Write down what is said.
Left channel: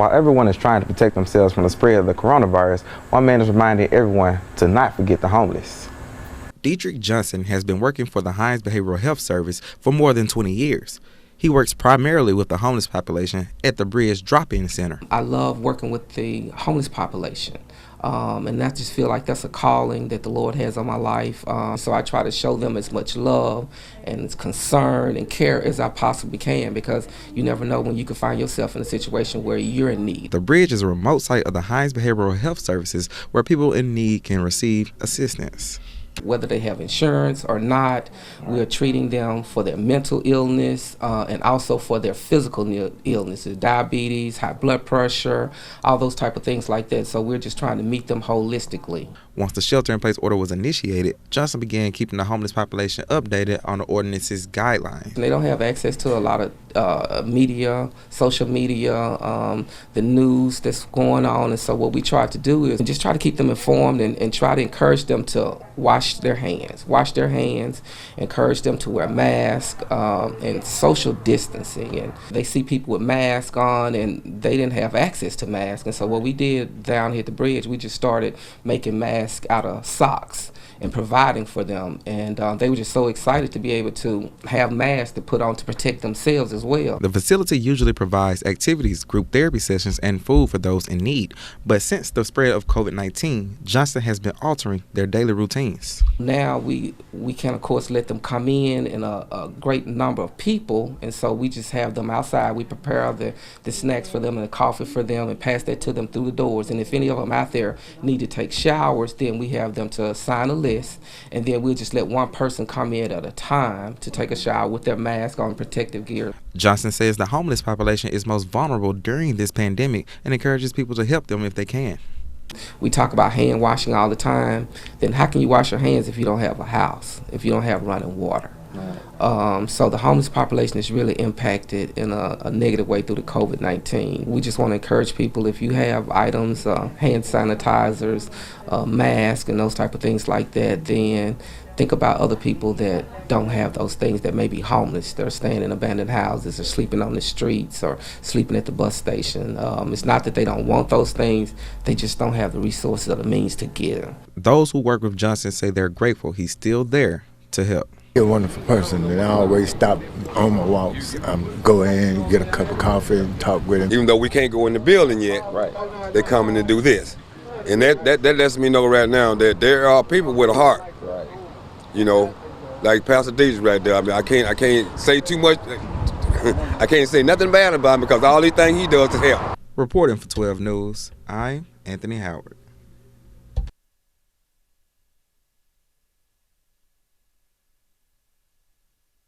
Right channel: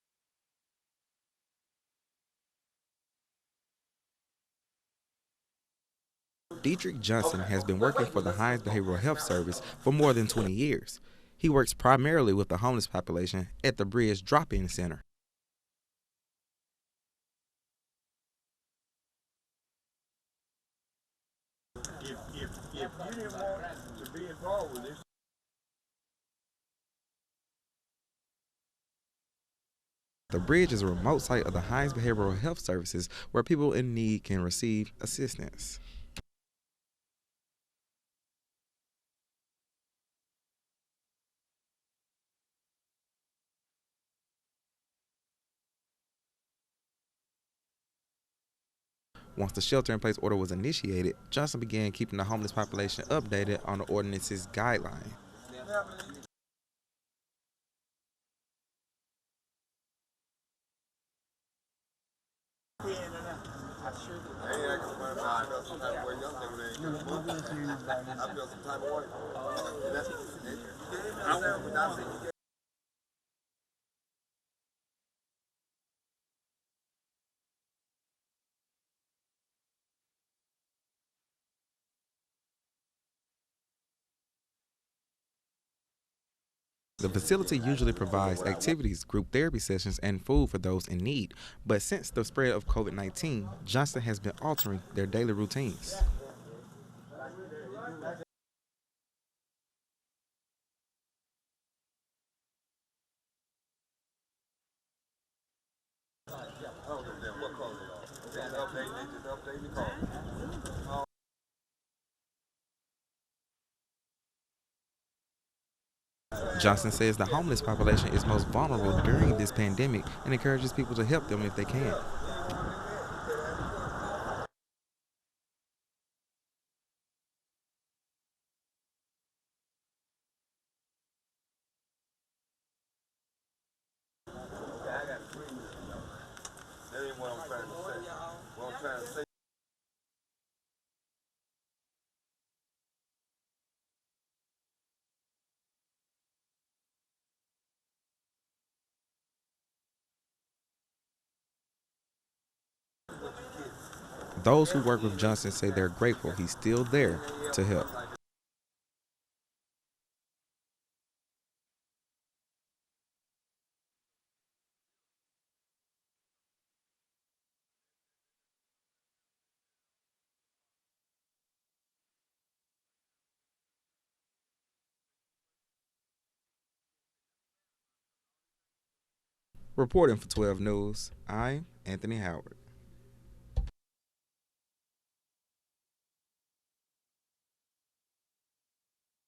While everyone is trying to protect themselves from the spread of the coronavirus, one man is reminding everyone to not forget the homeless. Dietrich Johnson has been working for the Hines Behavioral Health Service for more than 20 years. He works primarily with the homeless population at the Bridge Drop-In Center. I love working with the homeless population. And I just feel like that's a calling that the Lord has on my life. So I try to show them as much love and concern and care as I possibly can, because you never know when you can find yourself in a situation where you're in need. The Bridge is a remote site of the Hines Behavioral Health Services where people in need can receive assistance. Whether they have insurance or not, we're treating them for their mental illness and also for their physical illnesses, diabetes, high blood pressure, all those type of things like that. So we're just trying to meet them holistically. Once the shelter-in-place order was initiated, Johnson began keeping the homeless population updated on the ordinance's guidelines. They don't have access to a lot of media, social media, the news that's going on, and so what we try to do is just try to keep them informed and try to encourage them to wash their hands, encourage them to wear masks and social distancing. And they see people with masks on and they didn't have access to masks, and so what we did down here at the Bridge, we just started making masks out of socks and providing for them, and they were just so excited to be able to have masks to put on to protect themselves as well. The facility usually provides activities, group therapy sessions, and food for those in need, but since the spread of COVID-19, Johnson has been altering their daily routines. Now we can of course let them come in a great number of people, and so we just have them outside. We prepare the snacks for them and the coffee for them and pass that to them through the doors, and if any of them out there need to take showers, then we have them to sign a list, and then we'll just let one person come in at a time to take a shower with their mask on, protective gear. Johnson says the homeless population is most vulnerable during this pandemic and encourages people to help them if they can. We talk about hand washing all the time. Then how can you wash your hands if you don't have a house, if you don't have running water? So the homeless population is really impacted in a negative way through the COVID-19. We just want to encourage people, if you have items, hand sanitizers, masks, and those type of things like that, then think about other people that don't have those things, that may be homeless. They're staying in abandoned houses or sleeping on the streets or sleeping at the bus station. It's not that they don't want those things, they just don't have the resources or the means to get them. Those who work with Johnson say they're grateful he's still there to help. He's a wonderful person, and I always stop on my walks. Go in, get a cup of coffee, and talk with him. Even though we can't go in the building yet, right, they're coming to do this. And that lets me know right now that there are people with a heart. Right. You know, like Pastor Dietrich right there. I mean, I can't say too much. I can't say nothing bad about him because all these things he does is help. Reporting for 12 News, I'm Anthony Howard.